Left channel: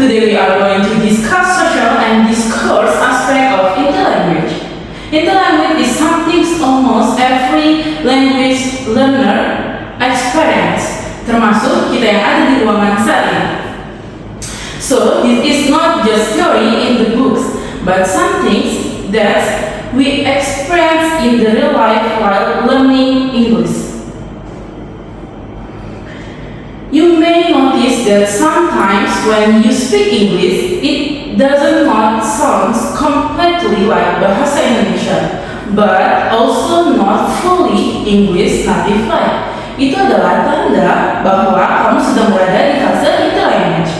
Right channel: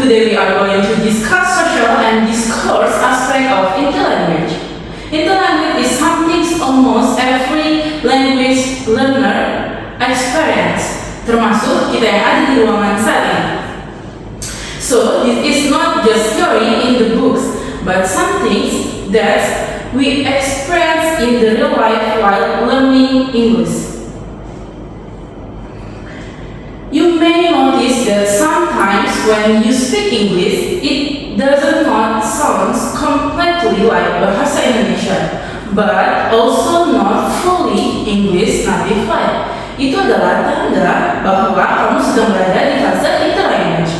Today we are going to discuss social and discourse aspect of interlanguage. Interlanguage is something almost every language learner experience, termasuk kita yang ada di ruangan saat ini. So this is not just theory in the books, but something that we experience in the real life while learning English. You may notice that sometimes when you speak English, it does not sound completely like bahasa Indonesia, but also not fully English native like. Itu adalah tanda bahwa kamu sedang berada di fase interlanguage.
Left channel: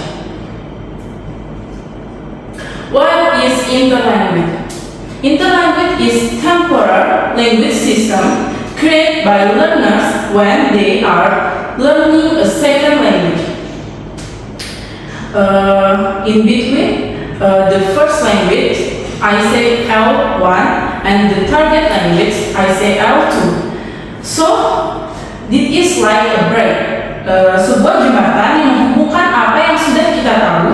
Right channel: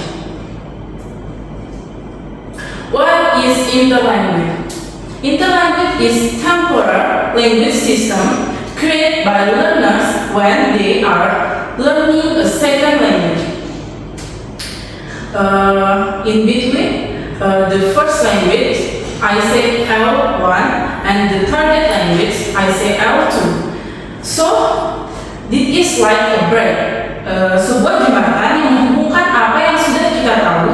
What is interlanguage? Interlanguage is temporary language system created by learners when they are learning a second language. In between the first language, I say L1, and the target language, I say L2. So, this is like a break, sebuah jembatan yang menghubungkan apa yang sudah kita tahu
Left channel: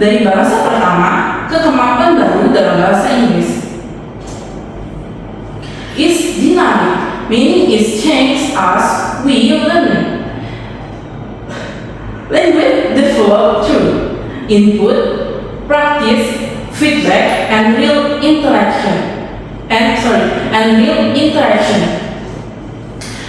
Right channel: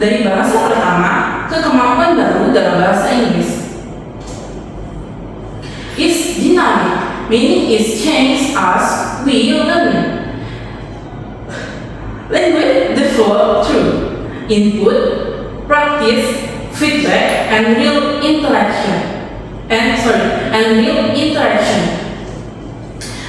dari bahasa pertama ke kemampuan baru dalam bahasa Inggris. It's dynamic, meaning it changes as we learn. Language develop through input, practice, feedback, and real interaction. Real interaction.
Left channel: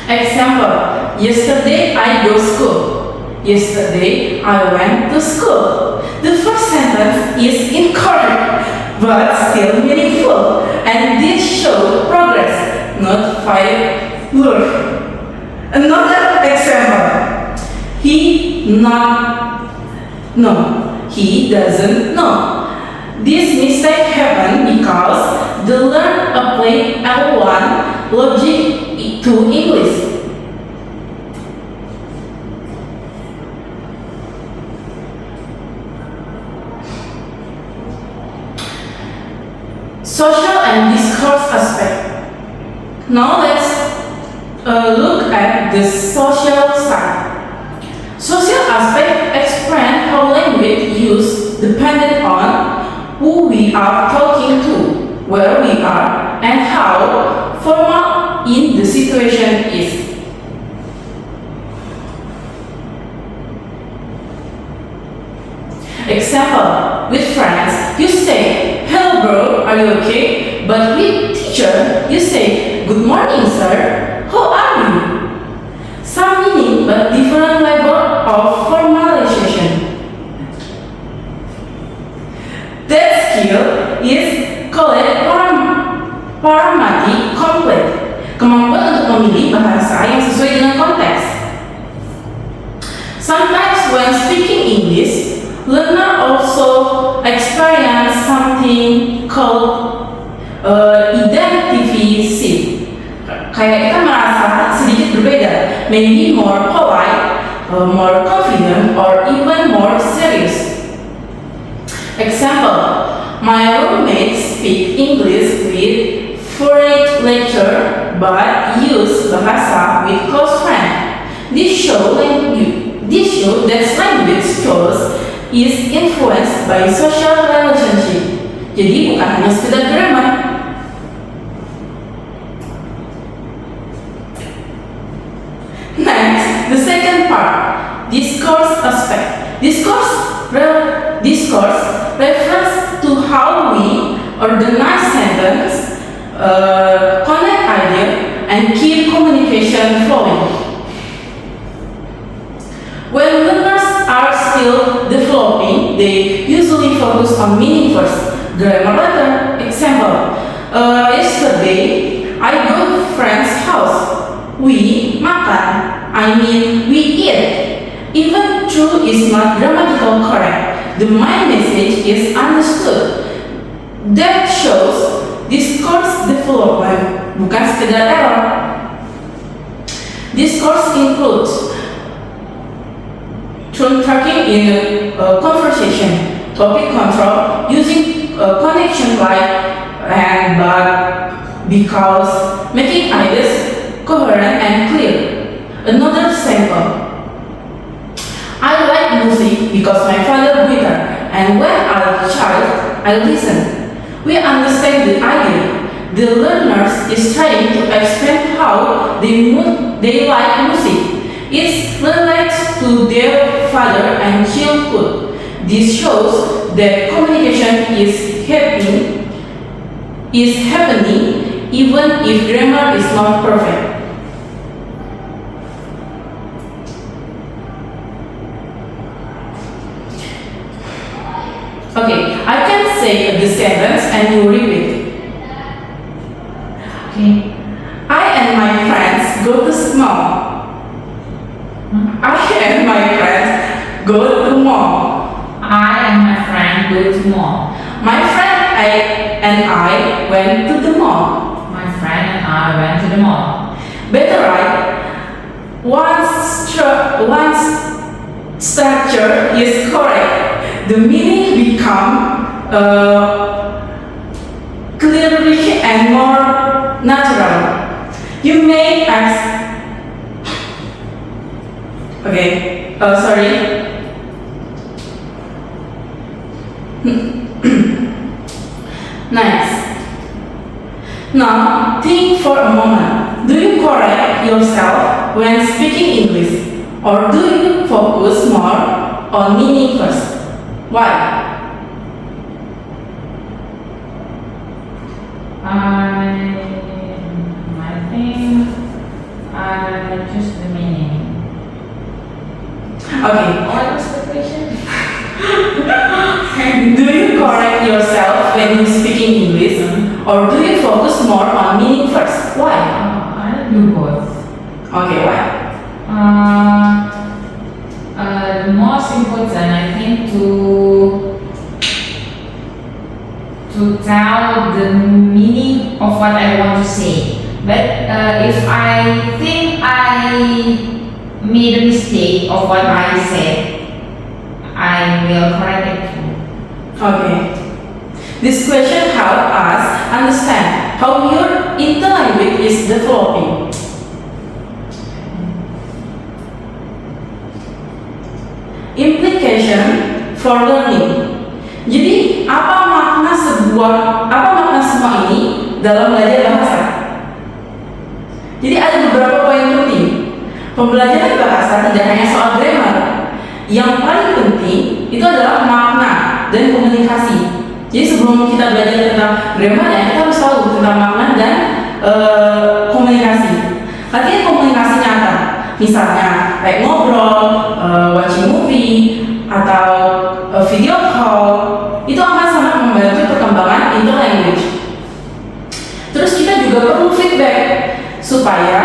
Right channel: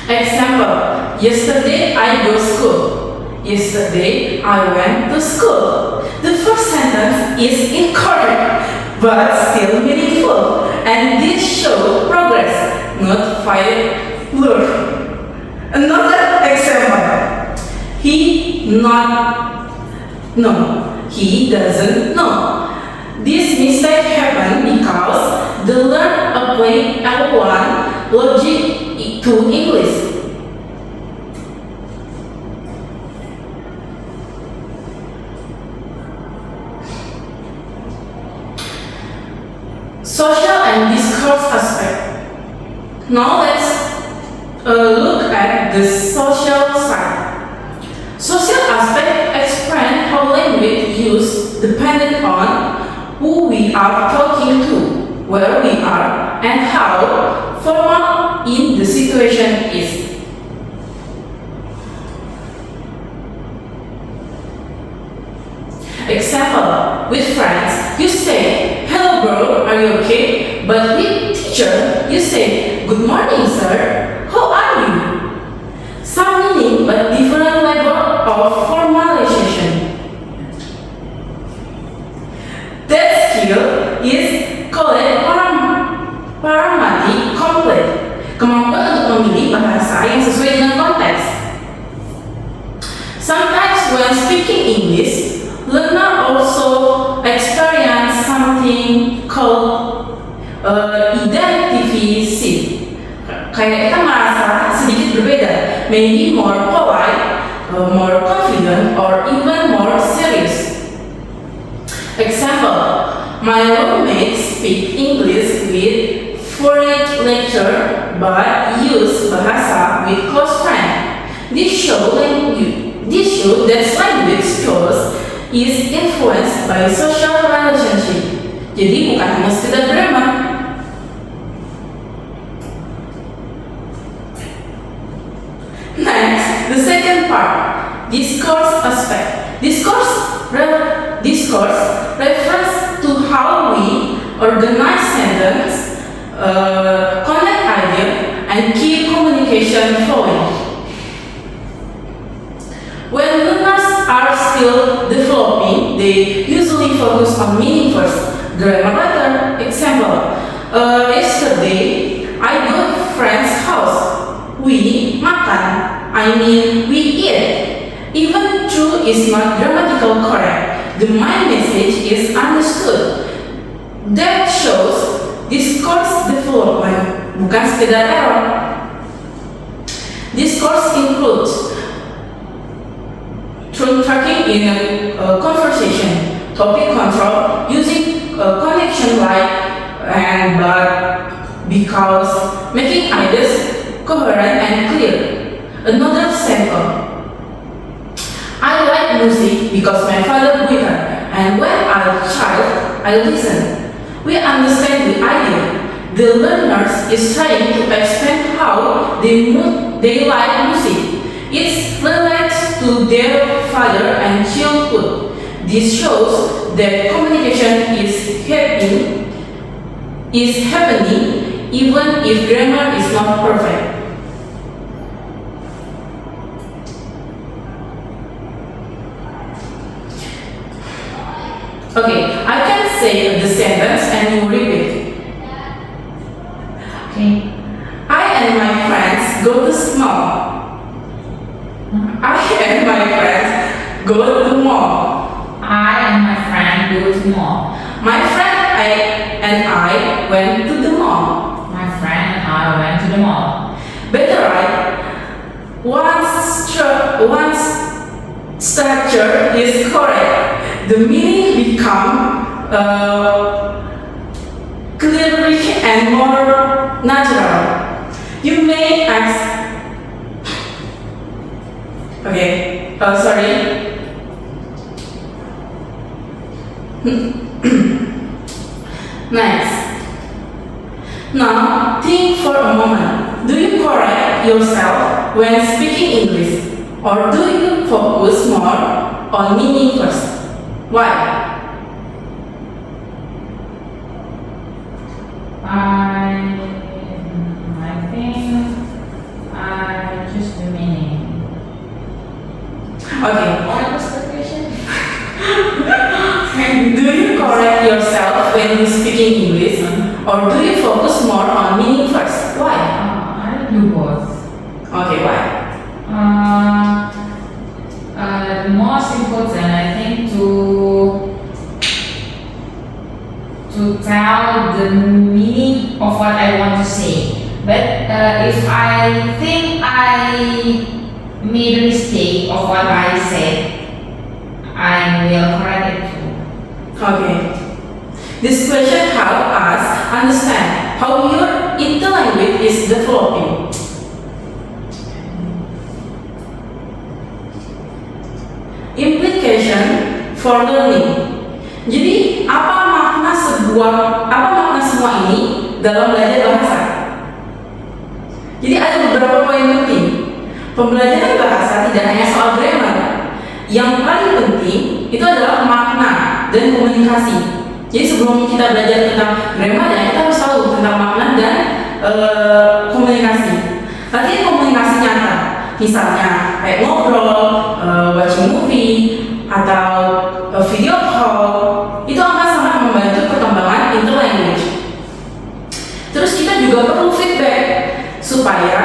Example: yesterday I go school. Yesterday I went to school. The first sentence is incorrect, but still meaningful, and this shows progress, not failure. Another example: he doesn't know. This mistake happened because the learner applied L1 logic to English. Social and discourse aspect. Now let's look at the social side. Social aspect explain how language use dependent on who we are talking to, where we are, and how formal in the situation is. Example: with friends, you say, "Hello bro, are you okay?" But with teacher, you say, "Good morning sir, how are you?" Some meaning but different level of formalization. That skill is called paramatic complete, kemampuan untuk memilih bahasa yang sesuai dengan konteks. Sometimes when speaking English, learner also experience something called identity shift. Kayak kita merasa sedikit berbeda, maybe more polite, more confident, or even more serious. Example: my roommates speak English with fluent lecture, but use bahasa with close friend. This show that language choice is influenced by social relationship. Jadi bukan hanya sekedar grammar. Next, the second part, discourse aspect. Discourse refers to how we organize sentence, connect idea, and keep communication flowing. When learners are still developing, they usually focus on meaning first, grammar later. Example: yesterday I go to friend's house. We makan, we eat. Even though is not grammatical correct, the main message is understood. That shows discourse development, bukan sekedar error. Discourse includes tone talking in a conversation, topic control, using connection like and, but, because, making ideas coherent and clear. Another sample: I like music because my father guitar, And when I'm a child, I listen. We understand the idea. The learners is trying to explain how they like music. It's related to their father and childhood. This shows that communication is happening even if grammar is not perfect. Okay, I can say the sentence and you repeat. Okay. I and my friends go to mall. I and my friends go to mall. I and my friend go to mall. My friend and I went to the mall. My friend and I went to the mall. Better right? Once structure is correct, the meaning become clearly and more natural. You may ask. Okay. Sorry. Nice. Now, think for a moment. Do you correct yourself when speaking English? Or do you focus more on meaning first? Why? I think I choose the meaning. Okay. What was the question? Do you correct yourself when you speaking English? Or do you focus more on meaning first? Why? I do both. Okay, why? The most important, I think, to tell the meaning of what I want to say. But if I think I made a mistake of what I said, I will correct it too. Okay. This question helps us understand how your interlanguage is developing. Implication for learning. Jadi apa makna semua ini dalam belajar bahasa? Jadi ada beberapa poin penting. Pembelajaran bahasa tidak hanya soal grammar. Yang paling penting itu adalah makna dan komunikasi. Jadi sebelum kita belajar tentang grammar, ya kita harus tahu tentang makna dan komunikasi. Artinya komunikasi nyata. Misalnya kayak ngobrol, watching movie, atau video call, itu akan sangat membantu perkembangan interlanguage. Terus kita juga perlu feedback supaya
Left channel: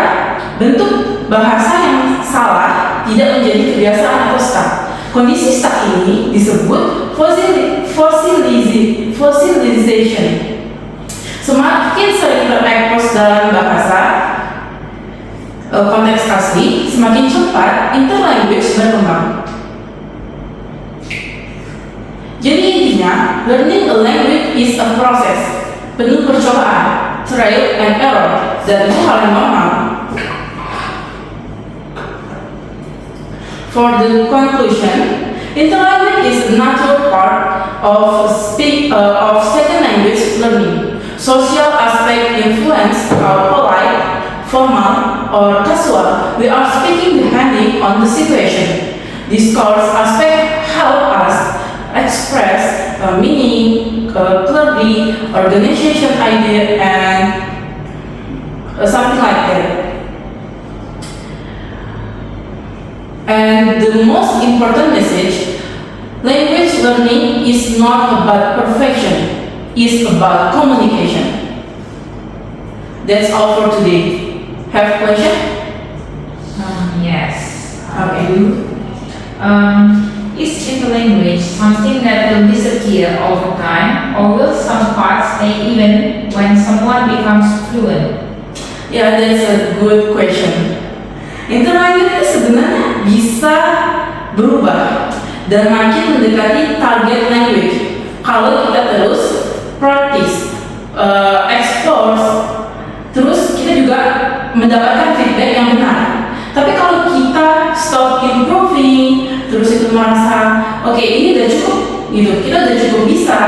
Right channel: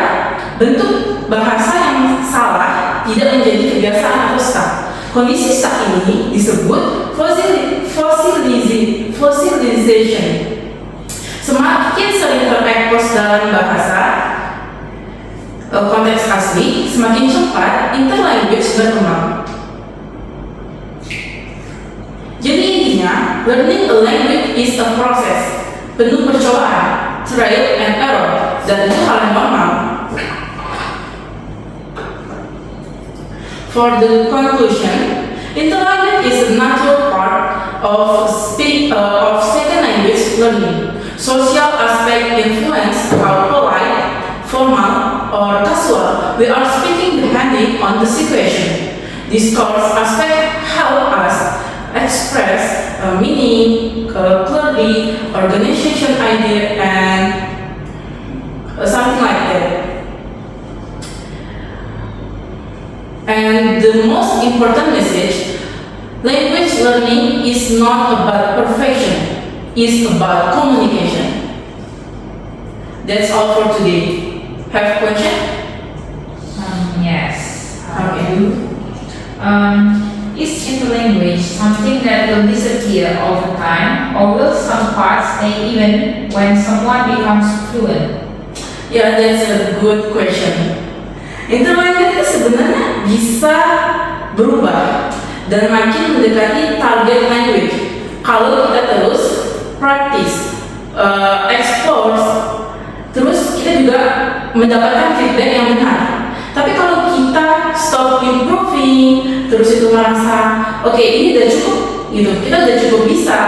bentuk bahasa yang salah tidak menjadi kebiasaan atau stuck. Kondisi stuck ini disebut fossilization. Semakin sering terekspos dalam bahasa konteks asli, semakin cepat interlanguage berkembang. Jadi intinya, learning a language is a process, penuh percobaan, trial and error, dan itu hal yang normal. For the conclusion, interlanguage is a natural part of second language learning. Social aspect influence how polite, formal, or casual we are speaking depending on the situation. Discourse aspect help us express meaning clearly, organization idea, and something like that. And the most important message, language learning is not about perfection, it's about communication. That's all for today. Have a question? Yes. Okay. Is interlanguage something that will disappear over time, or will some parts stay even when someone becomes fluent? Yeah, that's a good question. Interlanguage itu sebenarnya bisa berubah dan makin mendekati target language kalau kita terus practice, explore, terus kita juga mendapatkan feedback yang benar. Tapi kalau kita stop improving, terus itu merasa, oke, ini udah cukup, gitu, kita udah cukup bisa.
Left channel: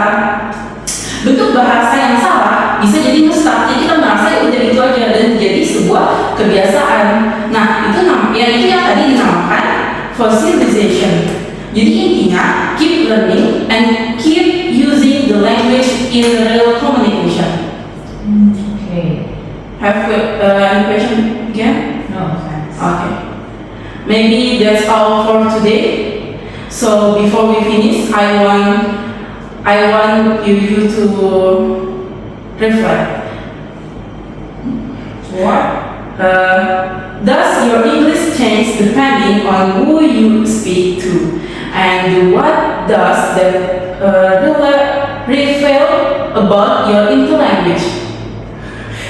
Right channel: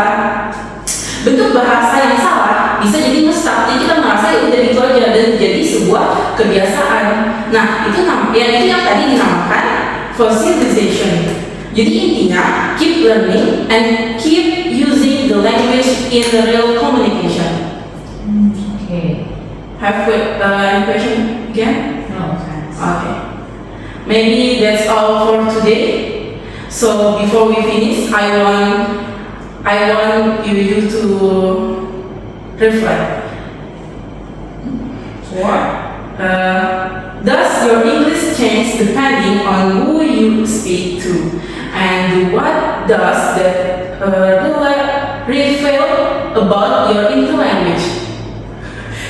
Bentuk bahasa yang salah bisa jadi ngestak, jadi kita merasa ya udah itu aja dan jadi sebuah kebiasaan. Nah itu yang tadi dinamakan fossilization. Jadi intinya keep learning and keep using the language in the real communication. Okay. Have any question again? No, thanks. Okay. Maybe that's all for today. So before we finish, I want you to reflect. What? Does your English change depending on who you speak to? And what does that reveal about your interlanguage?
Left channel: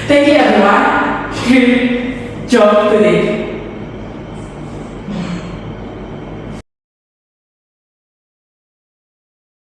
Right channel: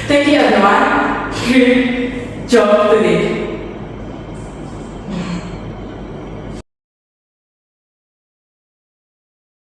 Thank you everyone. Great job today.